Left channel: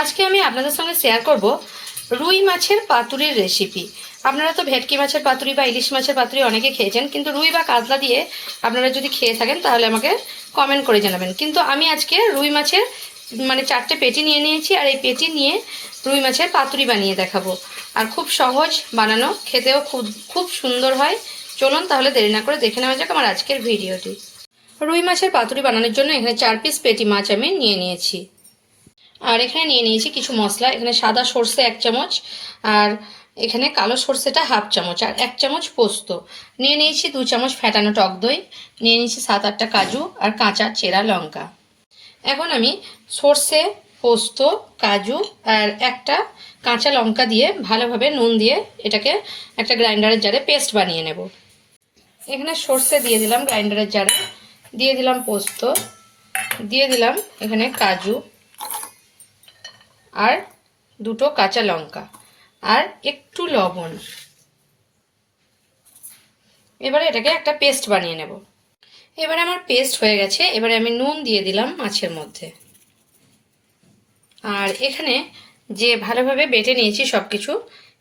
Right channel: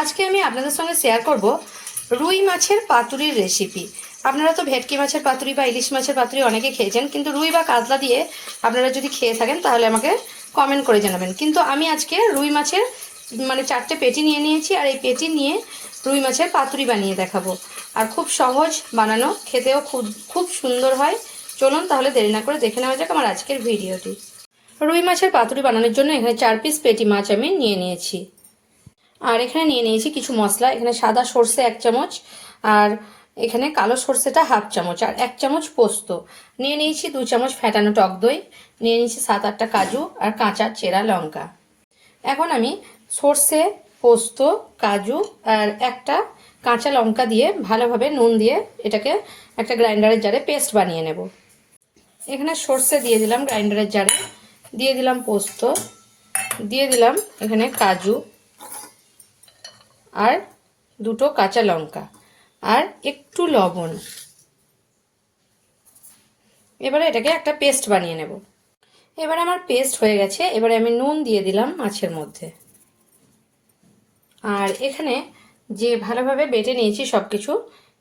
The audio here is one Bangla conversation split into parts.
আজকে আমি আপনাদের সঙ্গে শেয়ার করব রুই মাছের পাতুরির রেসিপি আপনারা তো ভেটকি মাছের পাতুরি বা ইলিশ মাছের পাতুরি অনেকে খেয়েছেন, কিন্তু রুই বা কাতলা দিয়ে আপনারা যদি খেয়ে থাকেন, তাহলে আমাকে কমেন্ট করে জানাবেন। কিন্তু আমি আজকে রুই মাছের মানে চারটে পেটি নিয়ে নিয়েছি, আর এই পেটি নিয়ে রুই মাছের পাতুরি বানিয়ে দেখাবো। আর খুব সহজ বানানো, খেতেও খুব খুব সুন্দর হয়। চলুন তাহলে দেরি না করে দেখে নেওয়া যাক আমার আজকের ভিডিওটি। রুই মাছের পাতুরি বানানোর জন্য এখানে চার পিস পেটি মাছ আমি নিয়ে নিয়েছি। আর এখানে নিয়ে নিয়েছি কিছু মশলা। এখানে সাদা সর্ষে এক চামচ আর এখানে কালো সর্ষেটা হাফ চামচ আর এক চামচ পোস্ত। নিয়ে নিয়েছি দু চামচ ফ্যাটানো টক দই, নিয়ে নিয়েছি সাত আটটা কাজু আর কাঁচা চেরা লঙ্কা। এখন আমি সর্ষে, পোস্ত, কাজু আর একটা কাঁচা লঙ্কা দিয়ে ভালোভাবে নুন দিয়ে এটাকে একটা গ্রাইন্ডারের জারে পেস্ট বানিয়ে নেব। এখানে সর্ষে দিয়ে দিলাম গ্রাইন্ডারের জারে। দিয়ে দিলাম পোস্ত, দিয়ে দিলাম এখানে কাজু। আর দুটো কাঁচা লঙ্কা আর একটু লবণ। এবারে এটাকে একটা পেস্ট বানিয়ে নেব। এবারে আমার পেস্ট হয়ে গেছে, এবারে আমি নুন দিয়ে দিলাম মাছের মধ্যে। আর এখানে যে ভালোভাবে বেটে নিয়েছি সব কিছু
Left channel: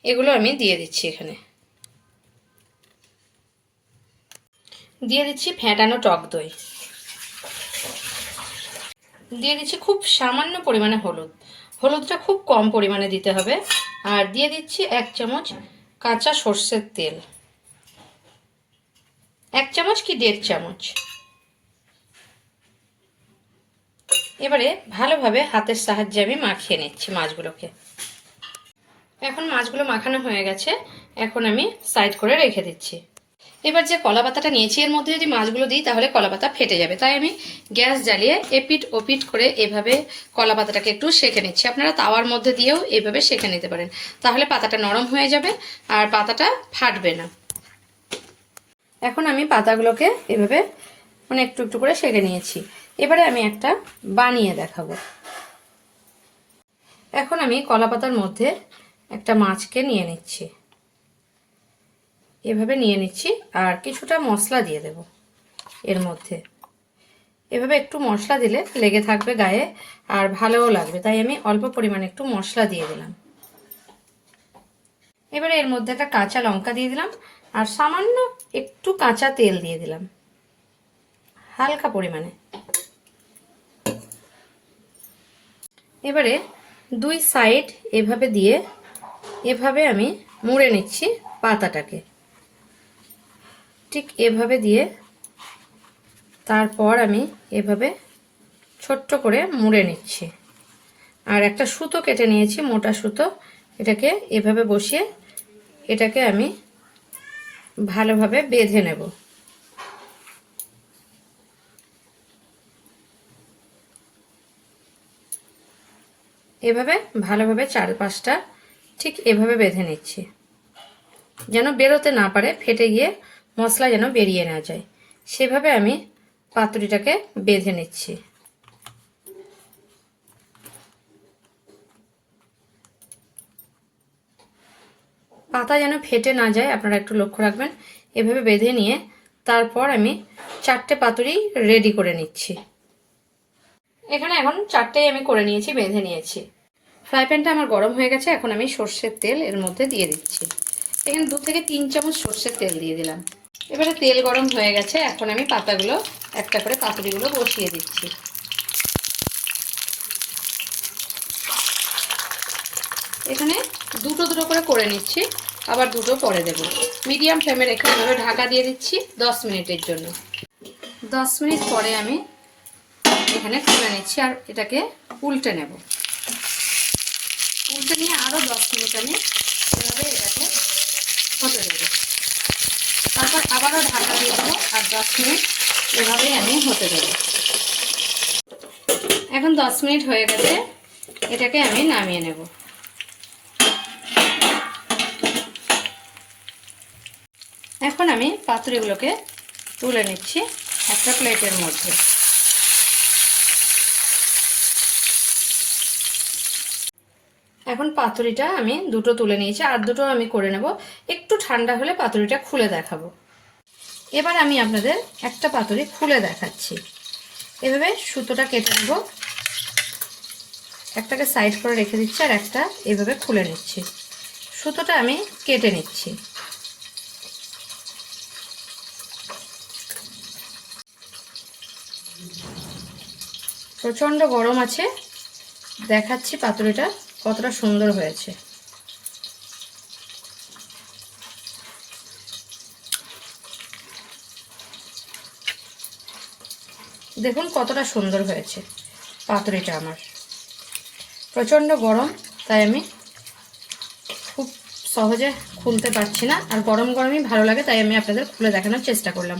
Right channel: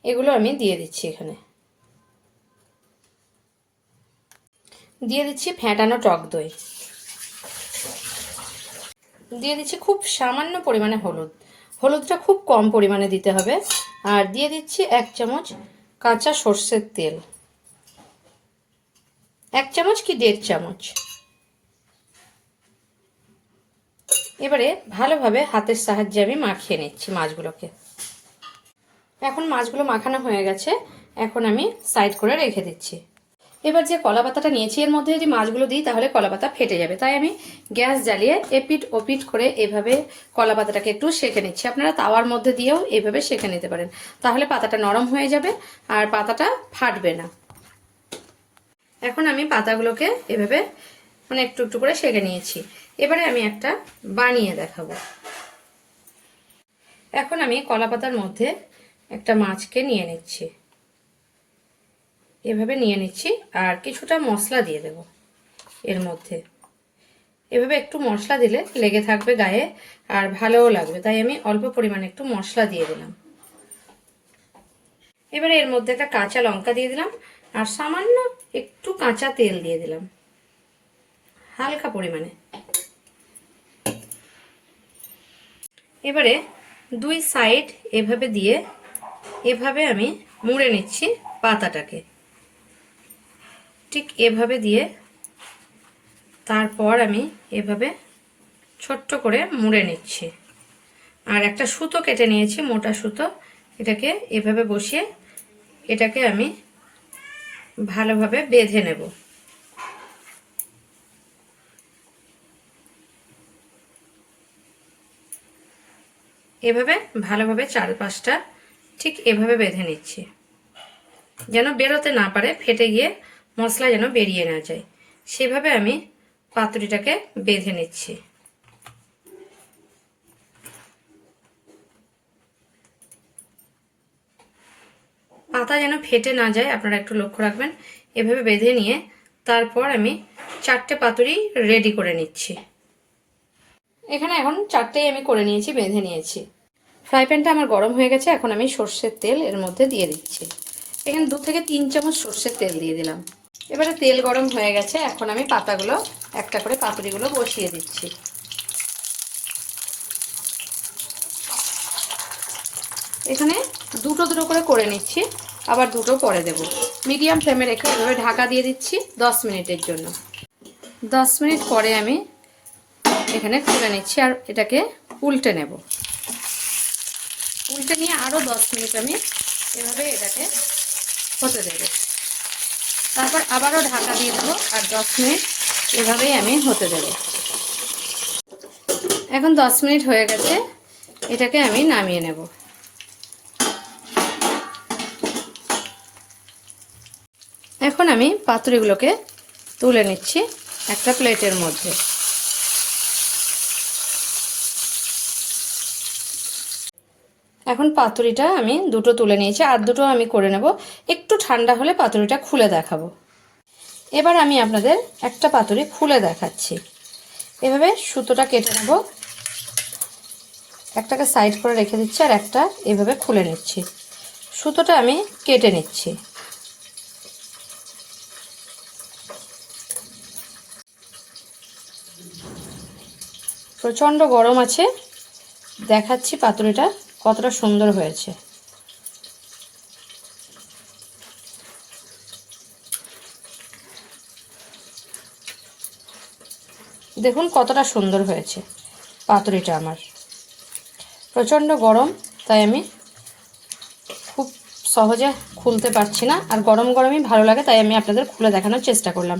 এগুলো আমি দিয়ে দিচ্ছি এখানে। দিয়ে দিচ্ছি ফ্যাটানো টক দই। দিয়ে দিচ্ছি খুব সামান্য পরিমাণে হলুদ। হলুদটা খুব কম পরিমাণে দিতে হবে। আর দিয়ে দিচ্ছি এক চামচ কাঁচা সর্ষের তেল। এক চামচ কি দেড় চামচ? এবারে ভালোভাবে হাতের সাহায্যে আমি মাখিয়ে নিচ্ছি মাছগুলোকে। এখন মাছগুলো মাখানো হয়ে গেছে। এখন আমি সাইড করে রেখে দিচ্ছি। এবার যে কলা পাতাটা নিয়েছি, এর মধ্যে যদি মাছগুলো দিই, তাহলে কলা পাতা ফেটে যাবে। তাই আমি গ্যাস জ্বালিয়ে এপিট ওপিট করে এভাবে কলা পাতাটাকে একটু সেঁকে নিচ্ছি। আপনারা তাওয়ার মধ্যে দিয়েও এইভাবে সেঁকে নিতে পারেন। তাহলে পাতাটা নরম হয়ে যাবে আর পাতাটা ফাটবে না। এখন আমি পাতাগুলোকে এভাবে মানে একটু একটু করে সেঁকে নিয়েছি। এবারে আমি একটা বানিয়ে দেখাবো। এখন আমি কলা পাতার মধ্যে একটা মাছকে নিয়ে নিচ্ছি। এভাবে নিয়ে নিচ্ছি আর কিছুটা মশলা দিয়ে দেব এর মধ্যে। এভাবে একটু মশলা দিলে লেগে থাকবে গায়ে আর ভালোও লাগবে, তাই আমি অল্প পরিমাণে একটু মশলা দিয়ে দিলাম। এবারে এর মধ্যে একটা কাঁচা লঙ্কা দিয়ে দিলাম আর সামান্য একটু কাঁচা তেল দিয়ে দিলাম, হালকা পরিমাণে। এবারে দুই সাইড এভাবে দিয়ে এভাবে আমি মুড়ে নিচ্ছি পাতাটাকে। ঠিক এভাবে দিয়ে তারপর আমি এভাবে ছোট্ট করে মুড়ে নিচ্ছি। আর একটা সুতো কেটে নিয়েছি, মোটা সুতো। এটাকে এভাবে বসিয়ে এটাকে আমি ভালোভাবে বেঁধে নেব। এভাবে ভালোভাবে চারপাশটা ঠিক এভাবে বেঁধে নিচ্ছি। যেন বেরোতে না পারে, ফেটে গিয়ে মশলা যেন বেরিয়ে না যায়। সেভাবে আমি পাতুরিটাকে বেঁধে নিচ্ছি। পাতা যেন ফেটে না যায়, আপনারা একটু লক্ষ্য রাখবেন। এভাবে বেঁধে নিয়ে তারপর আমি চারটে পাতুরি রেডি করে নিচ্ছি। এখানে এখন চারটেই আমি করে নিয়েছি, বেঁধে নিয়েছি। ফ্রাই প্যানটা আমার গরম হয়ে গেছে, এখন আমি সর্ষের তেল এর মধ্যে দিয়ে দিচ্ছি। এখানে দু থেকে তিন চামচ সর্ষের তেল দিয়ে দিলাম। এবারে তেল গরম হয়ে গেছে, এখন আমি পাতাগুলো, একটা করে পাতুরিগুলো বসিয়ে দিচ্ছি। এখানে দুটো দুটো করে করে নিচ্ছি, আবার দুটো পরে দেব। মিডিয়াম ফ্লেমে রেখে এভাবে ঢাকা দিয়ে দিচ্ছি দশ মিনিটের জন্য। দশ মিনিট পরে আমি এখানে খুলে নিচ্ছি আর এটাকে উল্টে নেব। উল্টে নিয়ে আরও দশ মিনিট আমি এভাবে এটাকে হতে দেবো। তারপর আবারও ঢাকা দিয়ে দেবো আর দশ মিনিট এভাবেই আমি হতে দেবো। এখন দশ মিনিট হয়ে গেছে, এটাকে আমি নামিয়ে নেব। এখন আমি পাতুরিগুলোকে তুলে নিচ্ছি একটা প্লেটের মধ্যে। এখন পাতুরিটা আমি দুটো তুলে নিয়েছি, আর দুটো আমি করে নেব। একটু ঠান্ডা হলে পাতুরিটা খুলে দেখাবো। এবার আমি আপনাদের একটা পাতুরি খুলে দেখাচ্ছি। এভাবে সুতোটা কেটে নেব। একটাকে সাইড করে রেখে দিচ্ছি, আর একটা এভাবে খুলে নিচ্ছি। সুতোটা আমি কেটে নিচ্ছি। প্রচণ্ড গরম আছে। দেখাচ্ছি পাতুরিটা। কতটা সুন্দর হয়েছে। দেখুন কতটা সুন্দর হয়েছে পাতুরিটা আমার। প্রচণ্ড গরম, তাই আমি খুব সহজে খুলতে পারছি না। আর গরম গরমই ভালো লাগে, তাই আমি আপনাদের খুলে দেখানোর চেষ্টা করলাম।